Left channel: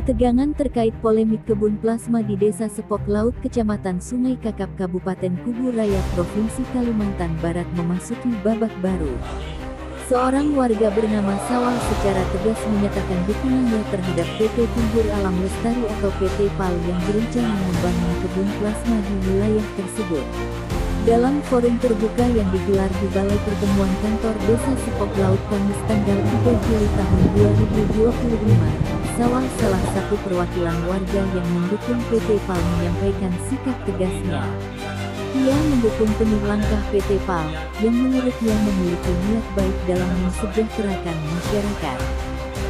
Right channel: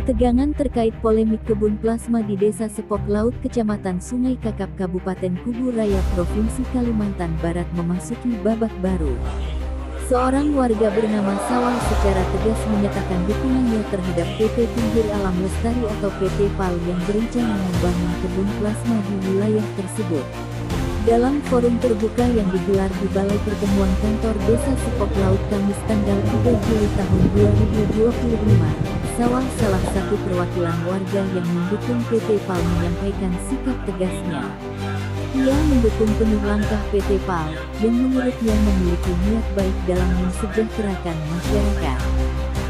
Ketegangan terkait polemik kebun plasma di Desa Sepok Laut, Kecamatan Sungai Kakap, Kabupaten Kubu Raya, Provinsi Kalimantan Barat memasuki babak baru. Seorang warga bernama Sawal secara tegas menyatakan dukungannya terhadap PT Timbul Alam Lestari atau PT PAL yang berencana membangun kebun plasma di wilayah tersebut. Dalam forum terbuka yang digelar di Balai Pertemuan Kantor Desa Sepok Laut Kamis tanggal 3 Juli tahun 2025, Sawal, salah satu perwakilan warga yang mendukung PT PAL, menyampaikan sikap tegasnya. Ia mendukung penuh langkah PT PAL, yang menurutnya memiliki niat baik dalam mensejahterakan masyarakat.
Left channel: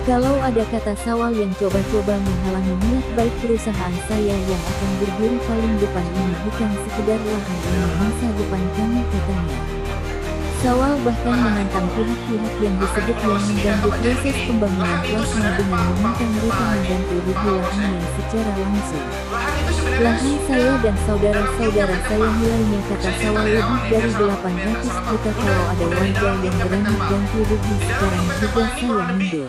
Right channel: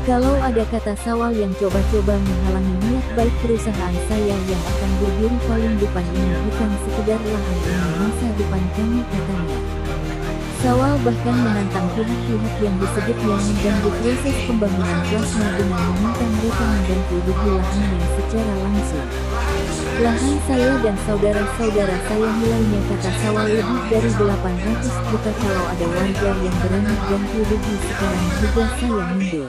Kalau ada, kata Sawal, yang coba-coba menghalangi niat baik perusahaan saya yang akan berdiri paling depan ini, bukan sekedar lahan ini masa depan kami, katanya. Sawal bahkan menantang pihak-pihak yang disebutnya mengganggu proses pembangunan plasma dengan meminta mereka mengganti rugi lahannya secara langsung. Lahan saya dan saudara-saudara saya nilainya, kata Sawal, lebih dari 800 juta. Kalau ada warga yang berani ganti rugi sekarang juga saya mundur.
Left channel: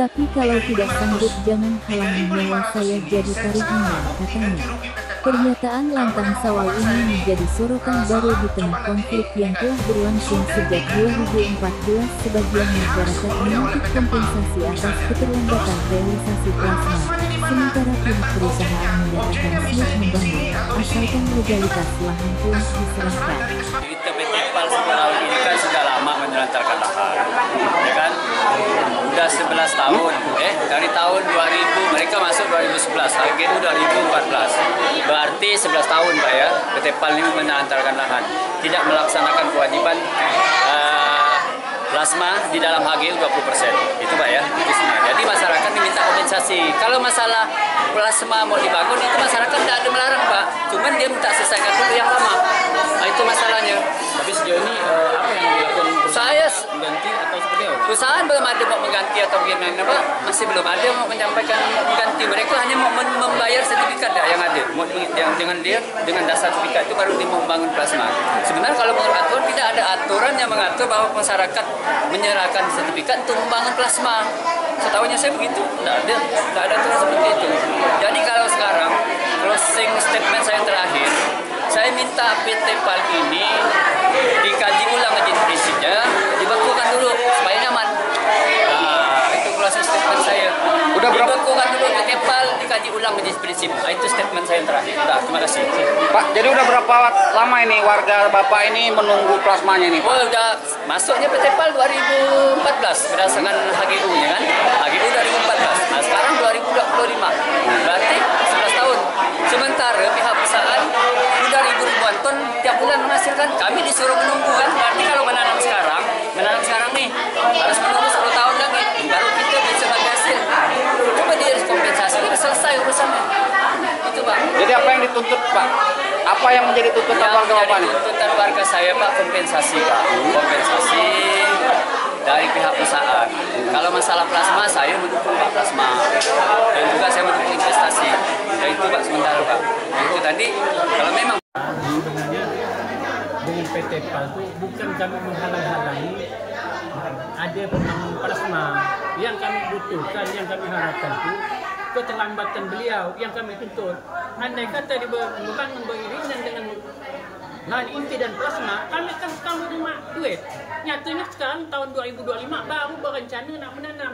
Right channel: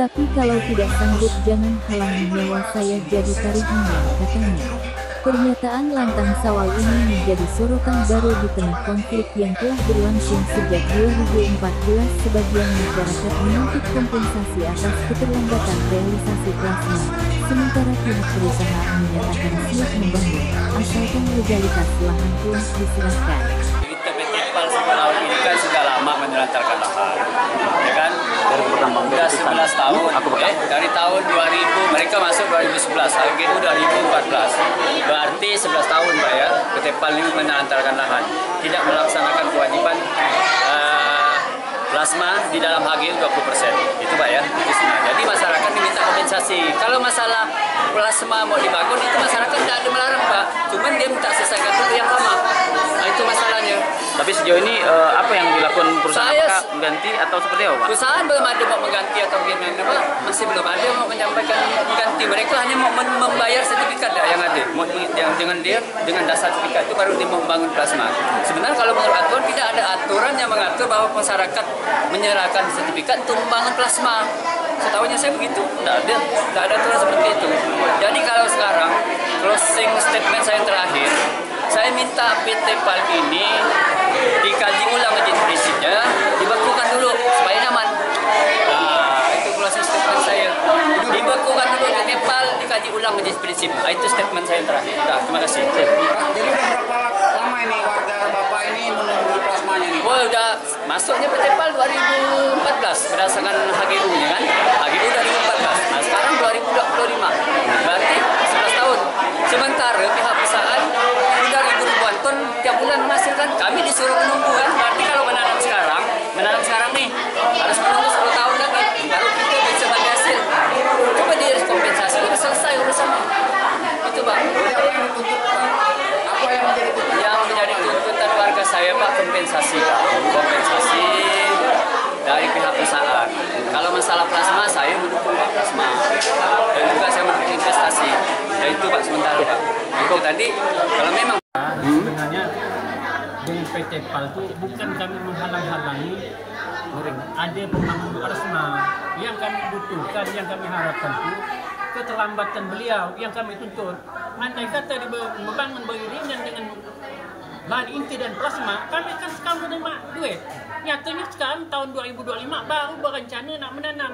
Tapi kalau tidak sanggup, jangan halangi nyawa saya jadi taruhannya, katanya. Pernyataan lantang Sawal ini menjadi sorotan baru di tengah konflik yang telah berlangsung sejak 2014. Sebagian masyarakat menuntut kompensasi atas keterlambatan realisasi plasma, sementara pihak perusahaan menyatakan siap membangun, asalkan legalitas lahan telah diserahkan. Kita PT PAL Sepok Laut ini kan sudah lama menelantarkan lahan, ya kan? Sudah 11 tahun, dari tahun 2000 mereka masuk 2011, AGU 2014, berarti 11 tahun Pak ya, PT PAL ini menelantarkan lahan, tidak melaksanakan kewajiban plasma di dalam HGU 20%, itu Pak ya. Jadi masyarakat diminta kompensasi. Kalau masalah plasma mau dibangun itu masyarakat tidak ada melarang Pak, cuman dia minta selesaikan dulu yang lama. Nah, itu masalahnya. Tapi sejauh ini apa yang dilakukan perusahaan? Mengganti atau seperti apa? Perusahaan belum ada mau mengganti atau bagaimana Pak, masih belum ada mau menyampaikan mengganti. Mereka hanya mau membayar sertifikat yang ada, yang dengan dasar sertifikat itu baru dia mau membangun plasma. Sebenarnya kalau menurut aturan tidak ada aturan yang mengatur bahwa masyarakat menyerahkan sertifikat untuk membangun plasma. Setahunya saya begitu, tidak ada aturan seperti itu. Jadi kalau sekarang closing statement saya terakhir, saya minta PT PAL ini dikaji ulang izin prinsipnya, dibekukan dulu supaya nyaman. Nah, itu closing statement saya. Dibekukan dulu PT PAL, dikaji ulang izin prinsip. Nah, itu statement saya yang terakhir. Nah, terima kasih. Pak, jadi udah berapa lama ini warga Bapak ini menunggu plasmanya nih? Oh, udah masuknya PT PAL 2014 berdasarkan HGU-nya kan. HGU 2014. Nah, sekarang 2025. Berarti 11 tahun. Sementara pihak perusahaan udah ribuan ton tiap bulan menghasilkan. Kami disuruh menunggu kan. Berarti kalau menanam sekarang nih harus menunggu 10 tahun lagi baru kita bisa bagi hasil. Coba dia kompensasi, udah selesai urusannya. Itu Pak. Jadi apa yang dituntut Pak? Apa yang menjadi tuntutan yang warga menjadi Bapak? tuntutan warga saya Pak, kompensasi Pak. Kompensasi dari pihak perusahaan. Kalau masalah plasma, saya mendukung Pak plasma. Dan juga saya mendukung investasi. Ya itu Pak sementara Pak. Itu tadi kalau memang sebenarnya dengan PT PAL itu bukan kami menghalang-halangi ada pembangunan plasma. Yang kami butuhkan, yang kami harapkan itu keterlambatan beliau yang kami tuntut. Andai kata dia membangun beriringan dengan lahan inti dan plasma, kami akan sekarang menerima duit. Nyatanya sekarang tahun 2025 baru berencana nak menanam.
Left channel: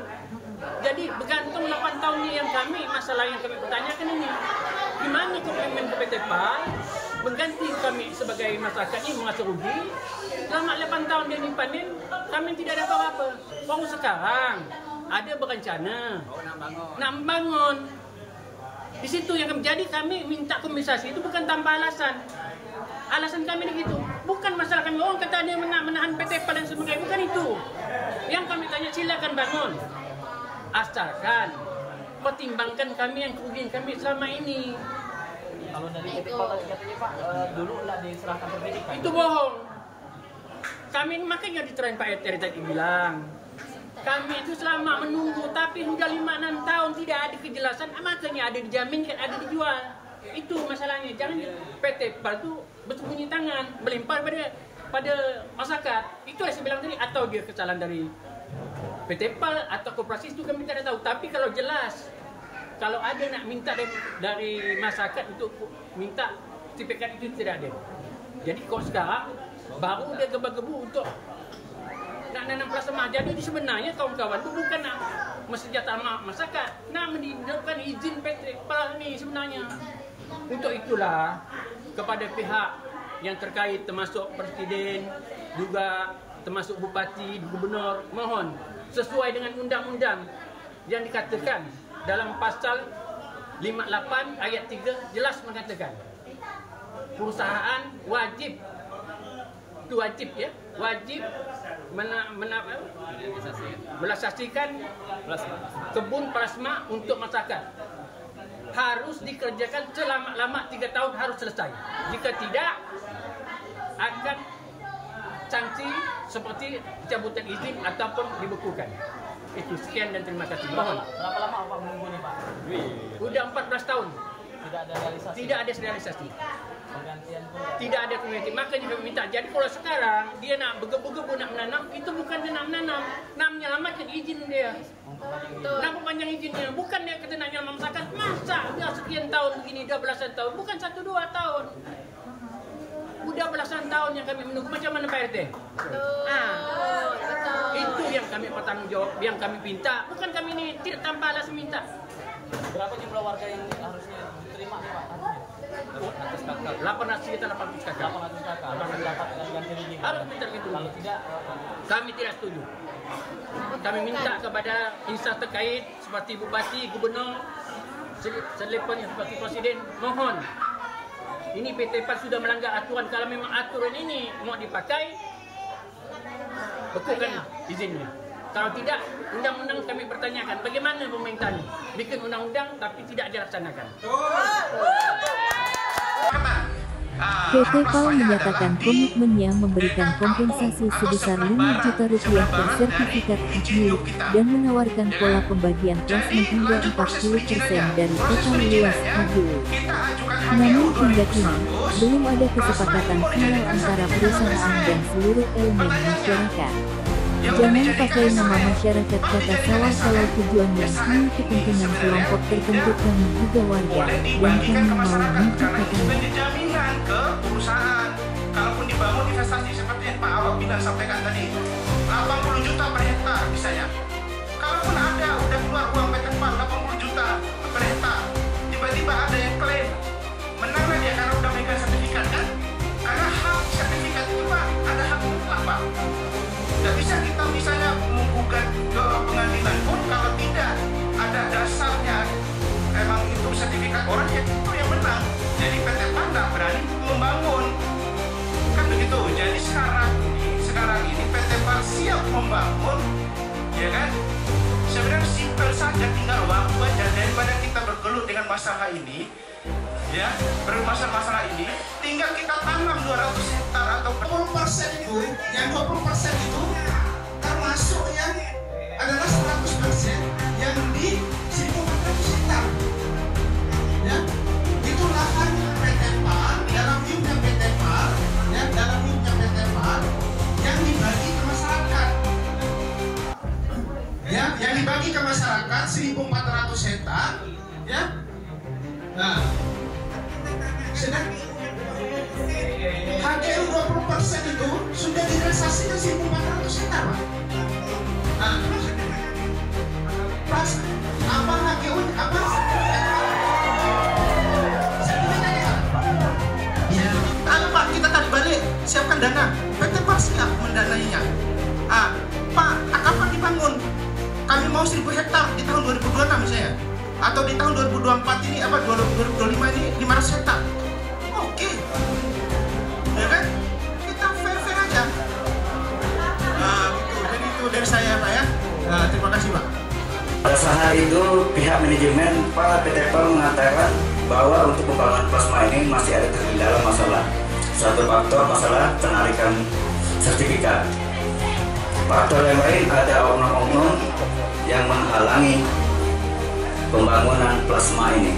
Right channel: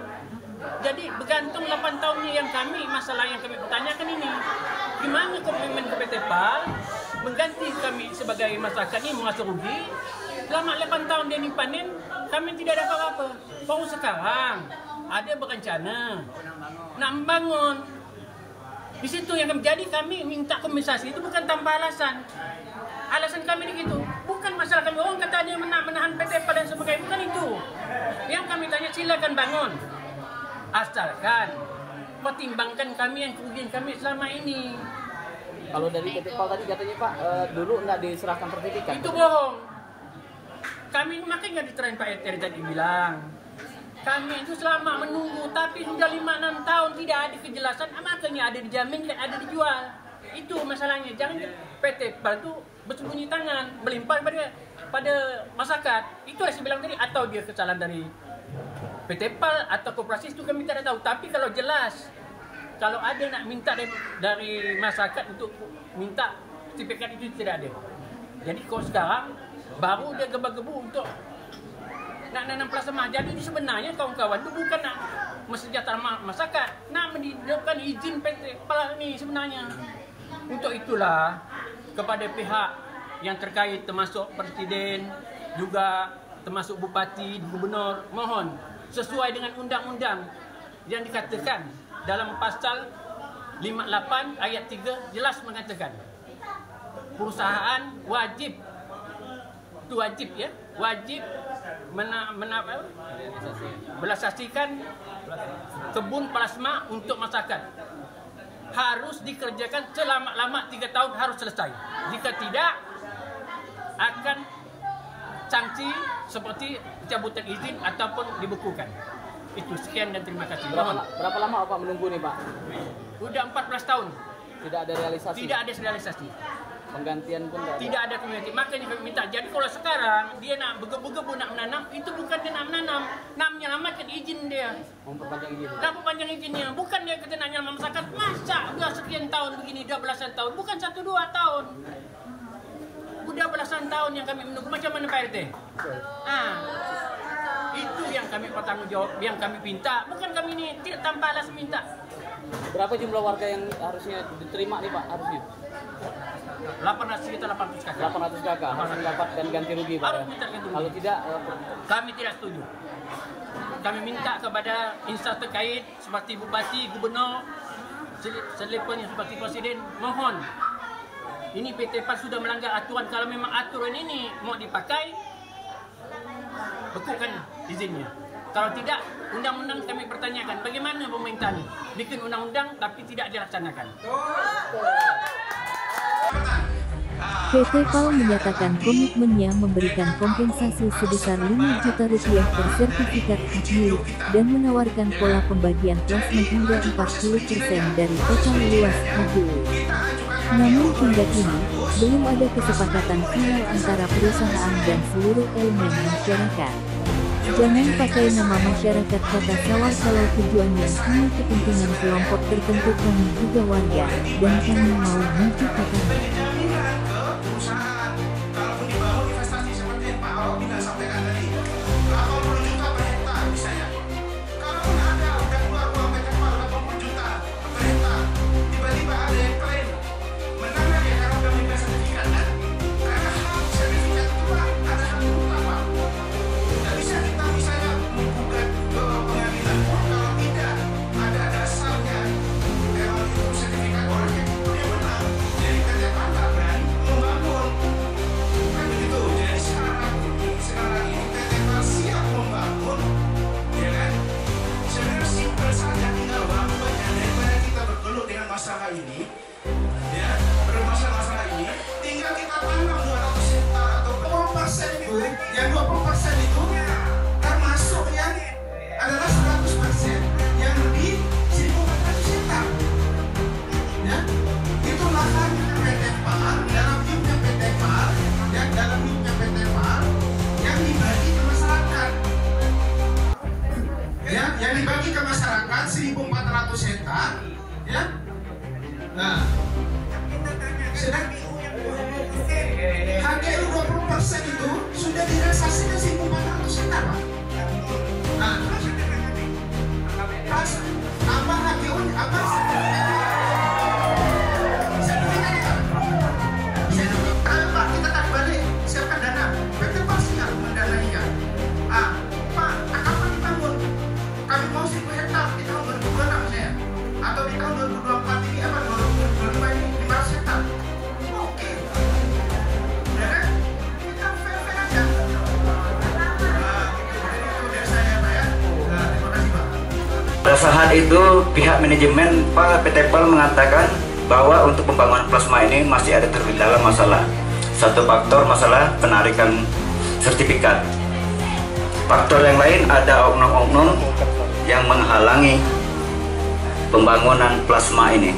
Jadi bergantung 8 tahunnya yang kami, masalah yang kami pertanyakan ini. Gimana komitmen ke PT PAL mengganti kami sebagai masyarakat ini mengatur rugi? Selama 8 tahun dia panen, kami tidak ada apa-apa. Baru sekarang ada berencana nak membangun. Di situ yang jadi kami minta kompensasi itu bukan tanpa alasan. Alasan kami begitu, bukan masalah kami orang kata ada menahan PT PAL dan sebagainya, bukan itu. Yang kami tanya silakan bangun, asalkan pertimbangkan kami yang kerugian kami selama ini. Kalau dari PT PAL tadi katanya Pak, dulu nggak diserahkan sertifikat. Itu bohong. Kami makanya diterain Pak Eri tadi bilang, kami itu selama menunggu, tapi sudah 5-6 tahun tidak ada kejelasan, makanya ada dijaminkan, ada dijual. Itu masalahnya. Jangan PT PAL itu bersembunyi tangan, melimpah pada masyarakat. Itu yang saya bilang tadi, atau dia kesalahan dari PT PAL atau koperasi itu kami tidak tahu. Tapi kalau jelas kalau ada nak minta dari masyarakat untuk minta sertifikat itu tidak ada. Jadi kalau sekarang baru dia gebu-gebu untuk nak nanam plasma. Jadi sebenarnya kawan-kawan itu bukan nak mensejahterakan masyarakat, nak menghidupkan izin PT PAL ini sebenarnya. Untuk itulah kepada pihak yang terkait termasuk Presiden, juga termasuk Bupati, Gubernur, mohon sesuai dengan undang-undang yang dikatakan dalam pasal 58 ayat 3 jelas mengatakan perusahaan wajib merealisasikan kebun plasma untuk masyarakat. Harus dikerjakan selama 3 tahun harus selesai. Jika tidak akan sanksi seperti pencabutan izin ataupun dibekukan. Itu sekian dan terima kasih. Mohon. Berapa lama Bapak menunggu nih Pak? Udah 14 tahun. Tidak ada realisasi. Tidak ada realisasi. Penggantian pun tidak ada community. Makanya kami minta. Jadi kalau sekarang dia nak begebu-gebu nak menanam, itu bukan dia nak menanam, nak menyelamatkan izin dia. Nak perpanjang izinnya. Bukan dia kata nak nyelamatkan masyarakat. Masa udah sekian tahun begini, udah belasan tahun, bukan 1-2 tahun. Udah belasan tahun yang kami menunggu. Macam mana Pak RT? Itu yang kami bertanggung jawab, yang kami minta. Bukan kami ini tidak tanpa alas minta. Berapa jumlah warga yang harusnya diterima nih Pak? Harusnya 800 kakak. 800 kakak. Dan ganti rugi. Harus minta ganti rugi. Kalau tidak, kami tidak setuju. Kami minta kepada instansi terkait seperti Bupati, Gubernur, selepasnya seperti Presiden, mohon. Ini PT PAL sudah melanggar aturan. Kalau memang aturan ini mau dipakai, bekukan izinnya. Kalau tidak, undang-undang kami pertanyakan. Bagaimana pemerintahnya? Bikin undang-undang tapi tidak dilaksanakan. PT PAL menyatakan komitmennya memberikan kompensasi sebesar 5 juta rupiah per sertifikat hak milik dan menawarkan pola pembagian plasma hingga 40% dari total luas HGU. Namun hingga kini, belum ada kesepakatan final antara perusahaan dan seluruh elemen masyarakat. Jangan pakai nama masyarakat kata sawah kalau tujuannya hanya kepentingan kelompok tertentu. Kami juga warga, dan kami mau maju ke depan. Jaminan ke perusahaan, kalaupun dibangun investasi seperti yang Pak Awak bilang sampaikan tadi, 80 juta per hektar misalnya. Kalaupun ada udah keluar uang PT PAL 80 juta per hektar, tiba-tiba ada yang klaim menang dia karena udah megang sertifikat kan? Karena hak sertifikat itu Pak, ada hak mutlak Pak. Tidak bisa kita misalnya menggugat ke pengadilan pun kalau tidak ada dasarnya memang itu sertifikat orang ya itu yang menang. Jadi PT PAL nggak berani membangun kan begitu. Jadi sekarang ini PT PAL siap membangun, ya kan? Sebenarnya simpel saja, tinggal waktu aja daripada kita bergelut dengan masalah ini, ya bermasalah ini, tinggal kita tanam 200 hektar atau 20% itu, yang 20% itu termasuk yang adalah 100% yang di 1.400 hektar, ya itu lahan PT PAL, dalam unit PT PAL, ya dalam unit PT PAL yang dibagi ke masyarakat, ya yang dibagi ke masyarakat 1.400 hektar, ya. Nah, sedang HGU 20% itu sudah direalisasikan 1.400 hektar, Pak. Nah, pas tambah HGU apa? Kalau Pak kita tadi balik siapkan dana, PT PAL siap mendanainya. Pak, kapan dibangun? Kami mau 1.000 hektar di tahun 2026 misalnya, atau di tahun 2024 ini apa 2025 ini 500 hektar. Oke, ya kan? Kita fair aja. Nah, jadi itu dari saya, Pak ya. Nah, terima kasih Pak. Pada saat itu pihak manajemen PT PAL mengatakan bahwa untuk pembangunan plasma ini masih ada terkendala masalah. Satu faktor masalah penarikan sertifikat. Faktor yang lain ada oknum-oknum yang menghalangi pembangunan plasma ini.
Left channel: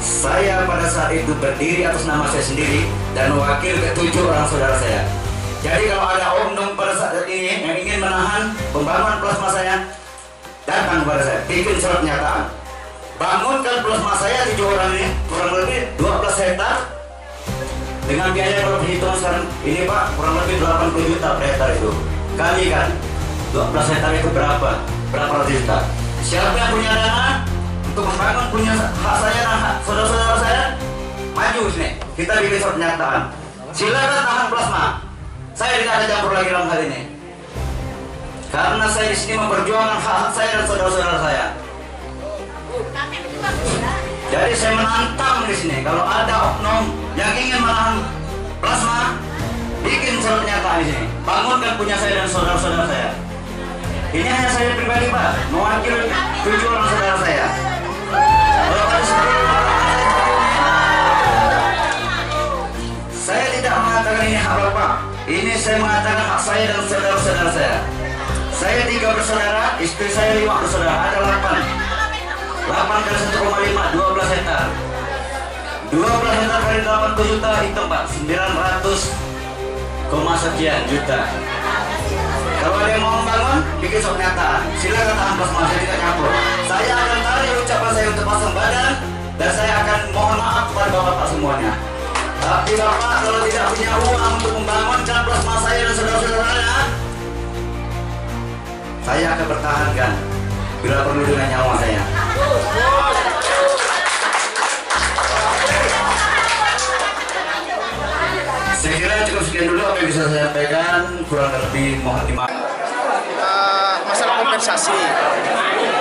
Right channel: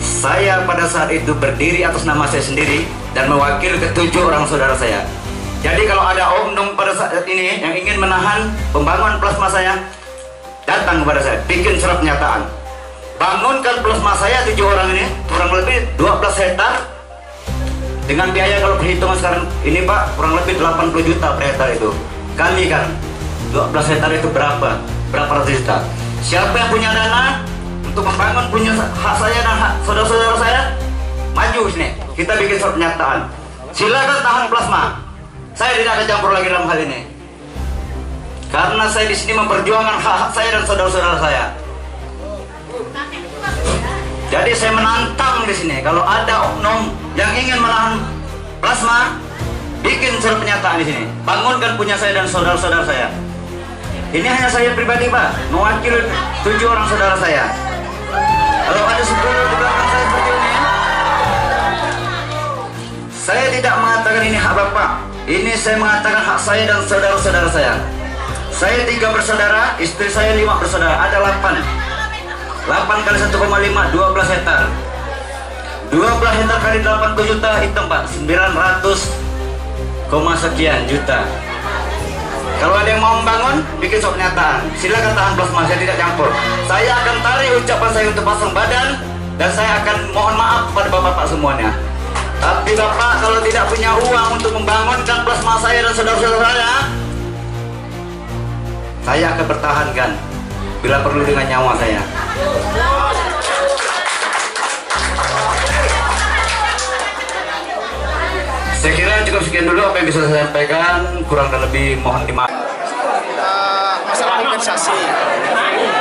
Saya pada saat itu berdiri atas nama saya sendiri dan mewakili ke-7 orang saudara saya. Jadi kalau ada oknum pada saat ini yang ingin menahan pembangunan plasma saya, datang kepada saya, bikin surat pernyataan. bangunkan plasma saya 7 orang ini kurang lebih 12 hektar dengan biaya kalau perhitungan sekarang ini Pak kurang lebih 80 juta per hektar itu. Kami kan 12 hektar itu berapa ratus juta. Siapa yang punya dana untuk membangun punya hak saya dan hak saudara-saudara saya, maju sini. Kita bikin surat pernyataan. Silakan tahan plasma. Saya tidak ada campur lagi dalam hal ini. Karena saya di sini memperjuangkan hak saya dan saudara-saudara saya. Jadi saya menantang di sini kalau ada oknum yang ingin menahan plasma, bikin surat pernyataan di sini. Bangunkan punya saya dan saudara-saudara saya. Ini hanya saya pribadi Pak, mewakili 7 orang saudara saya. Kalau ada 10 di belakang saya seperti ini, saya tidak mengatakan ini hak Bapak. Ini saya mengatakan hak saya dan saudara-saudara saya. Saya 3 bersaudara, istri saya 5 bersaudara, ada 8. 8 kali 1,5, 12 hektar. 12 hektar kali 80 juta, hitung Pak, 900, sekian juta. Kalau ada yang mau membangun, bikin surat pernyataan. Silakan tahan plasma, saya tidak campur. Saya akan tarik ucapan saya untuk pasang badan, dan saya akan mohon maaf kepada bapak-bapak semuanya. Tapi Bapak kalau tidak punya uang untuk membangunkan plasma saya dan saudara-saudara saya akan pertahankan bila perlu dengan nyawa saya. Saya kira cukup sekian dulu apa yang bisa saya sampaikan, kurang dan lebih mohon dimaafkan. Masalah kompensasi.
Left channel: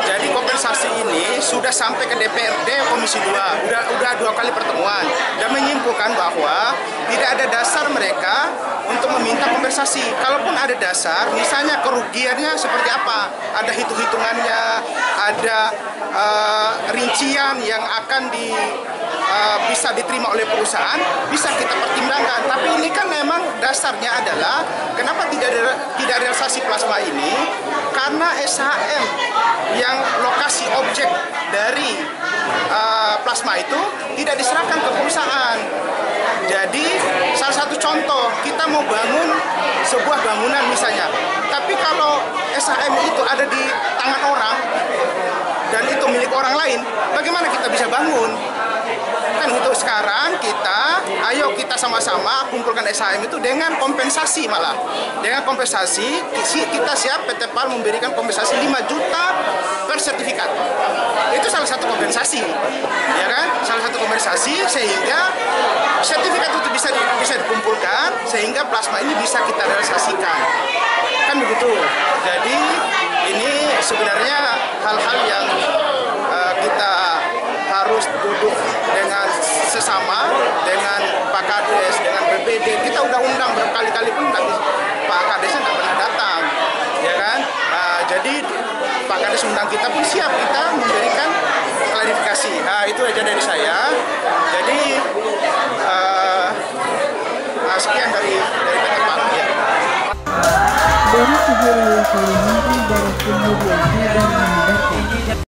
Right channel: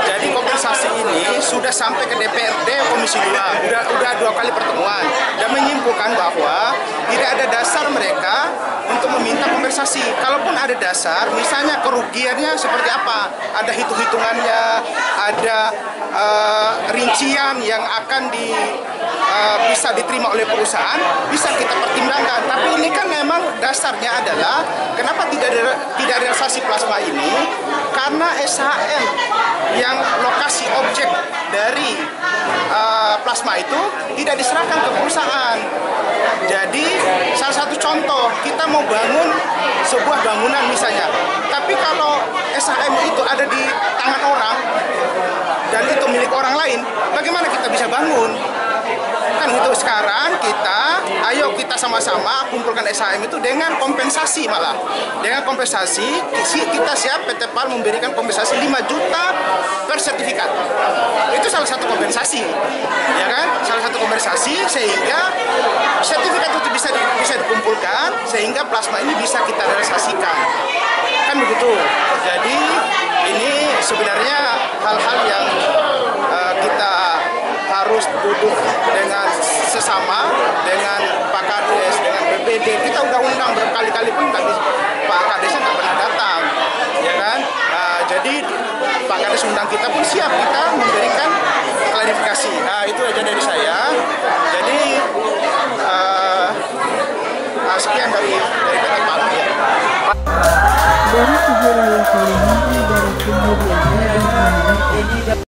Jadi kompensasi ini sudah sampai ke DPRD Komisi 2, udah 2 kali pertemuan dan menyimpulkan bahwa tidak ada dasar mereka untuk meminta kompensasi. Kalaupun ada dasar, misalnya kerugiannya seperti apa, ada hitung-hitungannya, ada rincian yang akan bisa diterima oleh perusahaan, bisa kita pertimbangkan. Tapi ini kan memang dasarnya adalah kenapa tidak realisasi plasma ini, karena SHM yang lokasi objek dari plasma itu tidak diserahkan ke perusahaan. Jadi salah satu contoh, kita mau bangun sebuah bangunan misalnya, tapi kalau SHM itu ada di tangan orang dan itu milik orang lain, bagaimana kita bisa bangun? Kan itu sekarang ayo kita sama-sama kumpulkan SHM itu dengan kompensasi, malah dengan kompensasi kita siap PT PAL memberikan kompensasi 5 juta per sertifikat. Itu salah satu kompensasi, ya kan? Salah satu kompensasi sehingga sertifikat itu bisa dikumpulkan sehingga plasma ini bisa kita realisasikan, kan begitu. Jadi ini sebenarnya hal-hal yang kita harus duduk dengan sesama, dengan Pak Kades, dengan BPD. Kita udah undang berkali-kali pun Pak Kadesnya nggak pernah datang, ya kan? Jadi Pak Kades undang kita pun siap kita memberikan klarifikasi. Itu aja dari saya. Jadi sekian dari PT PAL. Ya. Dari Kubu Raya Kalimantan Barat kemudian kabar menyebarkan